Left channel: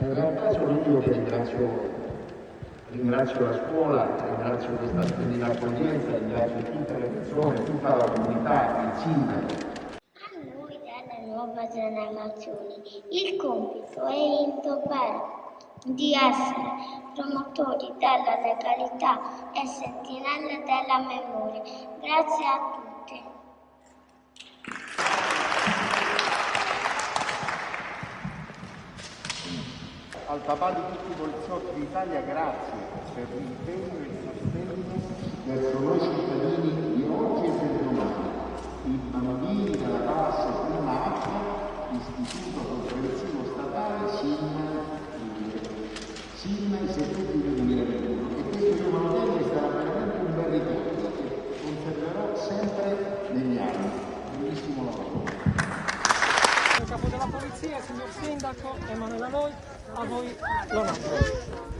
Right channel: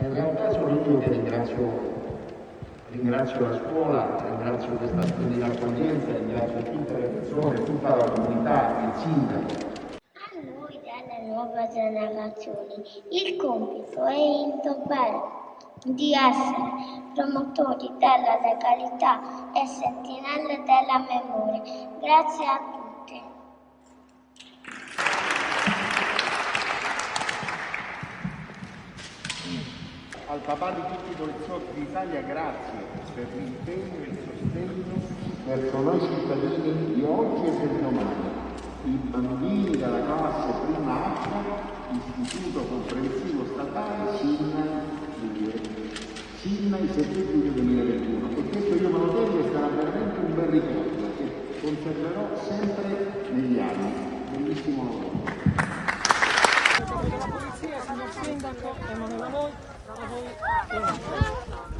In realtà sono io che ringrazio la scuola, ringrazio questa splendida accoglienza, ringrazio tutte le persone, tutta la comunità, il sindaco. A noi delle nuove generazioni il compito è indobbare di essere promotori della legalità e sentinelle della memoria. Grazie a tutti. Al papà di tutti i poliziotti d'Italia grazie per l'impegno e il sostegno verso noi cittadini di oggi e del domani. I bambini della classe prima A, istituto comprensivo statale SIN i settembre del 2021. E questo io me lo tengo e sarà veramente un bel ricordo che conserverò sempre negli anni. Bellissimo lavoro. Il capo della polizia, signor sindaco, Emanuele Noi, a voi l'onore.